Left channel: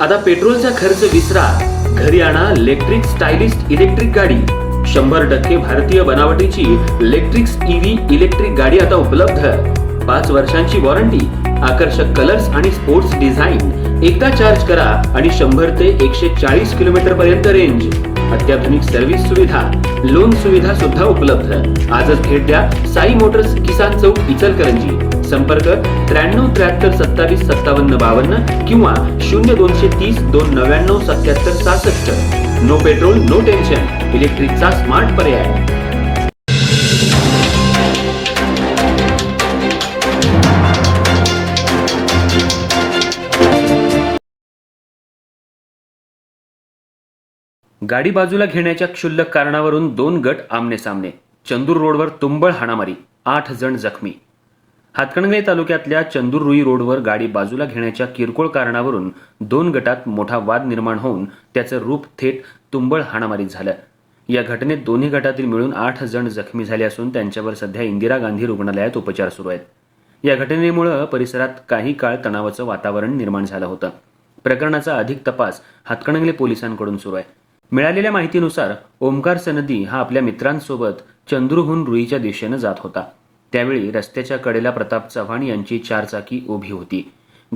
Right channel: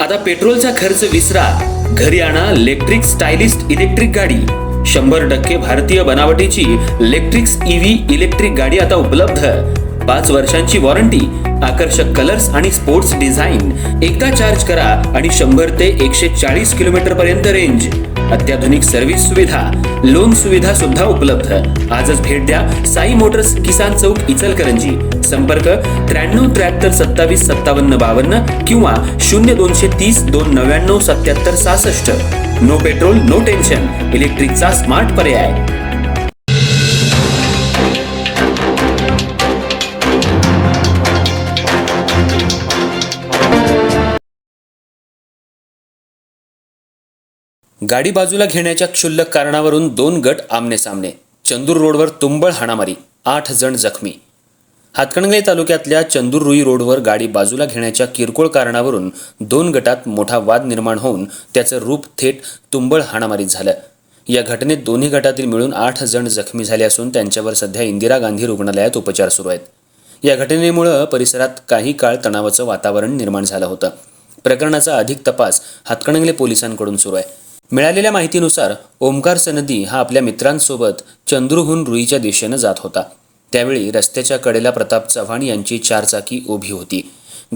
आता पेट्रोलचा खर्च विसरा, घरी आणा इलेक्ट्रिक स्टायलिस्ट इलेक्ट्रिक गाडी। 100% भारतीय बनावटीची इलेक्ट्रिक्स ईव्ही इलेक्ट्रिक गाडी आता उपलब्ध। 5 वर्षांची वॉरंटी, आकर्षक कलर्स आणि स्पोर्ट्स डिझाइन। एकदा चार्ज करा आणि 100 ते 140 किलोमीटर पर्यंत रेंज। अत्याधुनिक सर्व्हिस सुविधा, लोन सुविधा सुद्धा उपलब्ध। आजच भेट द्या साई मोटर्स, किसान चौक, इचलकरंजी। संपर्क 93 73 27 57 52 किंवा 0230 299 77 66। नो पेट्रोल नो टेन्शन, इलेक्ट्रिकचा स्मार्ट पर्याय। गाडी बाजूला घेण्याच्या क्षुल्लक कारणावरून 2 गट आमने-सामने। चंदूर रोडवर तुंबळ हाणामारी, 8 जण जखमी। हातकणंगले तालुक्यातल्या चंदूर रुई रोडवर गाडी बाजूला घेण्याच्या किरकोळ कारणावरून 2 गटात मोठा वाद निर्माण होऊन त्याचं रूप थेट तुंबळ हाणामारीत झालं। या घटनेत दोन्ही गटातील मिळून 8 जण जखमी झाले असून त्यांच्यावर सध्या इंदिरा गांधी रुग्णालयात उपचार सुरू आहेत। या घटनेमुळे परिसरात काही काळ तणावाचं वातावरण निर्माण झालं होतं। प्रकरणाचा अधिक तपास हातकणंगले पोलिसांकडून सुरू आहे। मिळालेल्या माहितीनुसार ओमकार सनदी हा आपल्या मित्रांसोबत चंदूरहून रुईच्या दिशेनं जात होता। त्यावेळी रस्त्याच्या कडेला प्रताप चव्हाण यांची 4 चाकी उभी होती।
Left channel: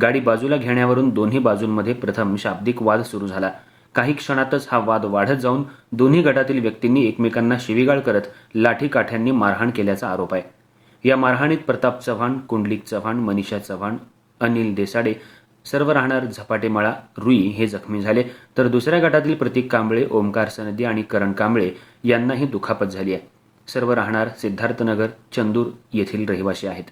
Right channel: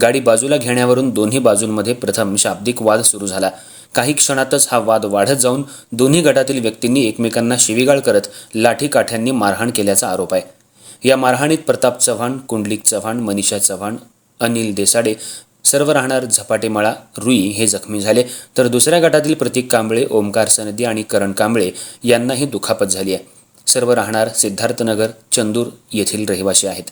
गाडी बाजूला घेण्यावरून दोन्ही बाजूंमध्ये प्रथम शाब्दिक वाद सुरू झाला। काही क्षणातच हा वाद वाढत जाऊन दोन्ही गटातील व्यक्तींनी एकमेकांना शिवीगाळ करत लाठीकाठ्यांनी मारहाण केल्याचा आरोप आहे। या मारहाणीत प्रताप चव्हाण, कुंडलिक चव्हाण, मनीषा चव्हाण, अनिल देसाडे सर्व राहणार झपाटेमाळा रुई हे जखमी झाले, तर दुसऱ्या गटातील प्रतीक कांबळे, ओमकार सनदी आणि करण कांबळे यांनाही दुखापत झाली आहे। सर्व राहणार सिद्धार्थनगर, चंदूर येथील रहिवासी आहेत।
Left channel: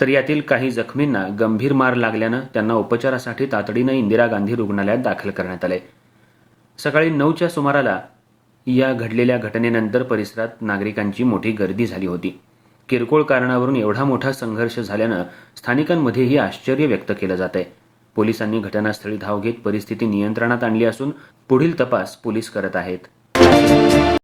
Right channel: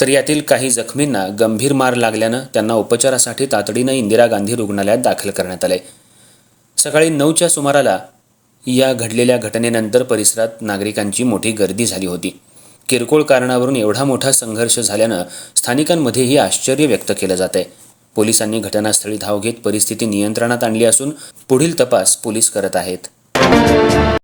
तर यातील काही जखमींना गंभीर मार लागल्यानं त्यांना उपचारासाठी तातडीनं इंदिरा गांधी रुग्णालयात दाखल करण्यात आले। सकाळी 9च्या सुमाराला या घडलेल्या घटनेनंतर परिसरात नागरिकांची मोठी गर्दी झाली होती। किरकोळ कारणावरून एवढा मोठा संघर्ष झाल्यानं स्थानिकांमध्येही आश्चर्य व्यक्त केलं जात आहे। पोलिसांनी घटनास्थळी धाव घेत परिस्थिती नियंत्रणात आणली असून पुढील तपास पोलीस करत आहेत।